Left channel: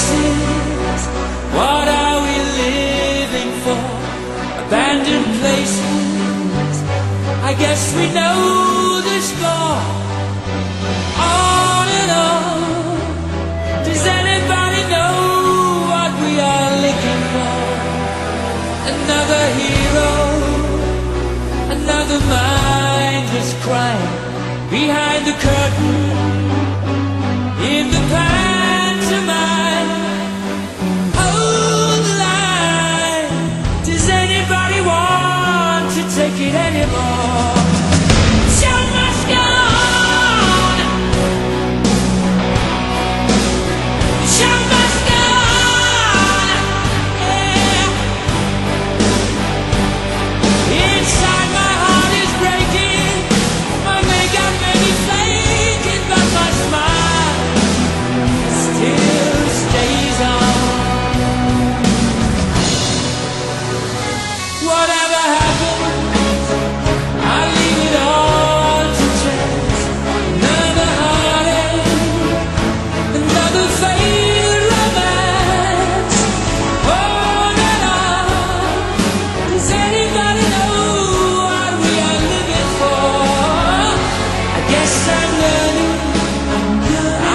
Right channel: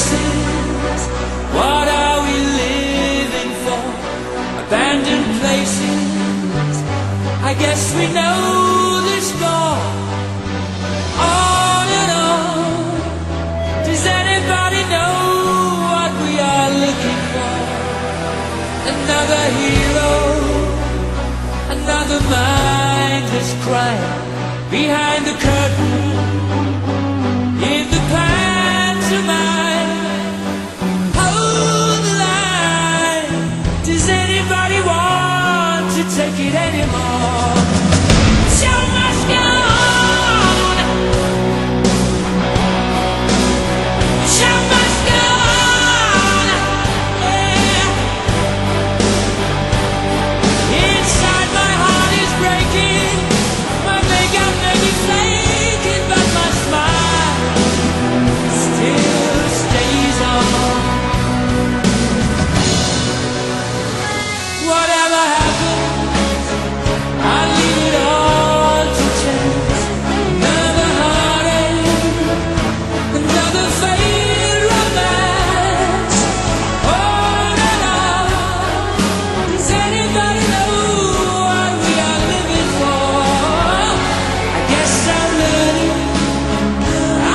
faces. What are we living for? Abandoned places. I guess we know the score. On and on. Does anybody know what we are looking for? Another hero, another mindless crime behind the curtain in the pantomime. Hold the line. Does anybody want to take it anymore? The show must go on. The show must go on. Yeah. Inside my heart is breaking. My makeup may be flaking, but my smile still stays on. Whatever happens, I leave it all to chance. Another heartache, another failed romance. On and on. Does anybody know what we are living for? I guess I'm learning.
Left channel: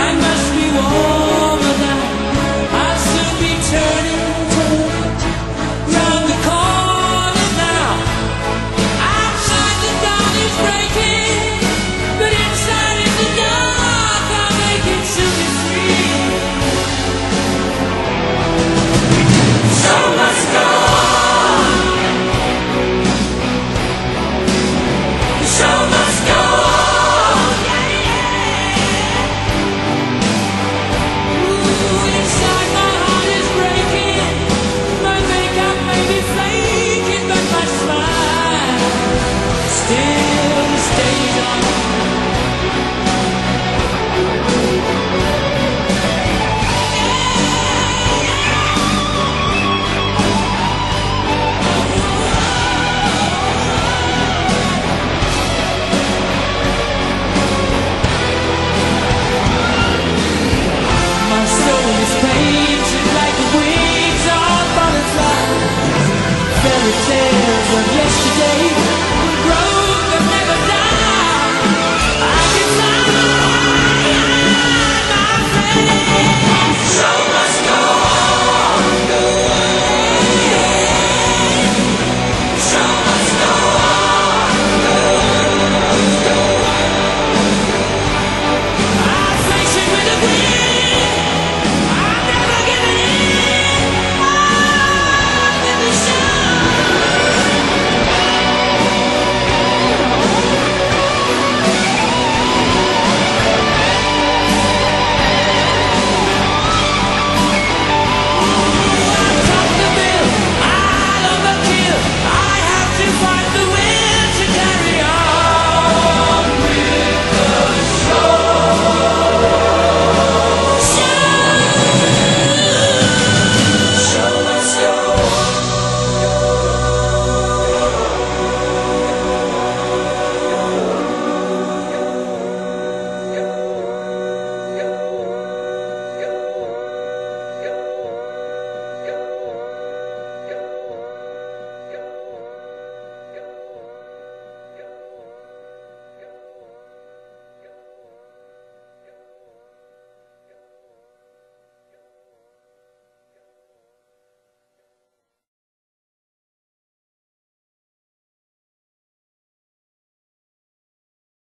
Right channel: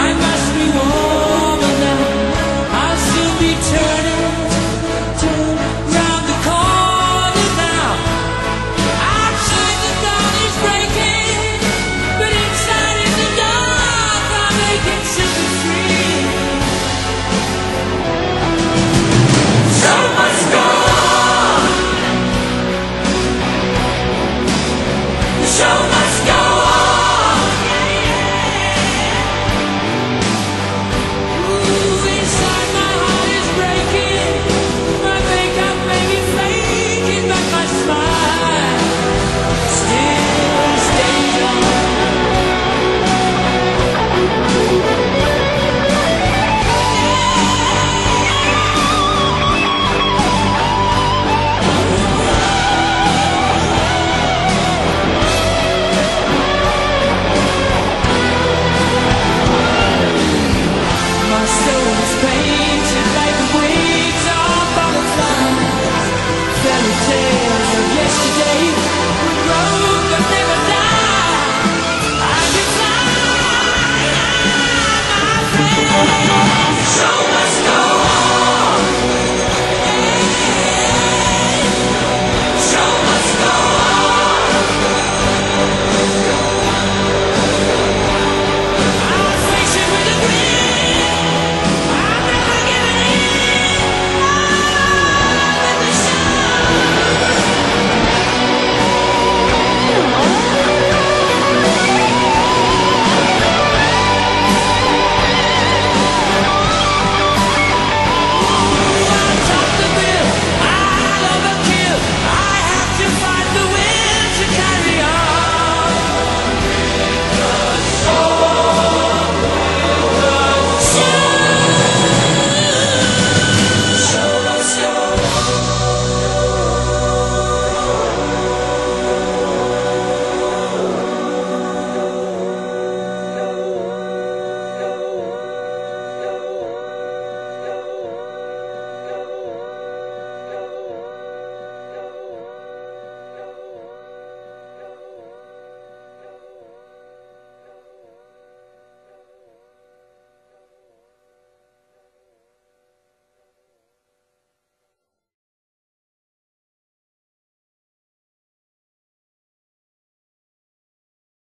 I must be warmer now. I'll soon be turning round the corner now. Outside the dawn is breaking, but inside is the dark. I'm aching to be free. Show must go on. The show must go on. Yeah, yeah. Ooh, inside my heart is breaking. My makeup may be flaking, but my smile still stays on. My soul is painted like the wings of butterflies. Fairy tales of yesterday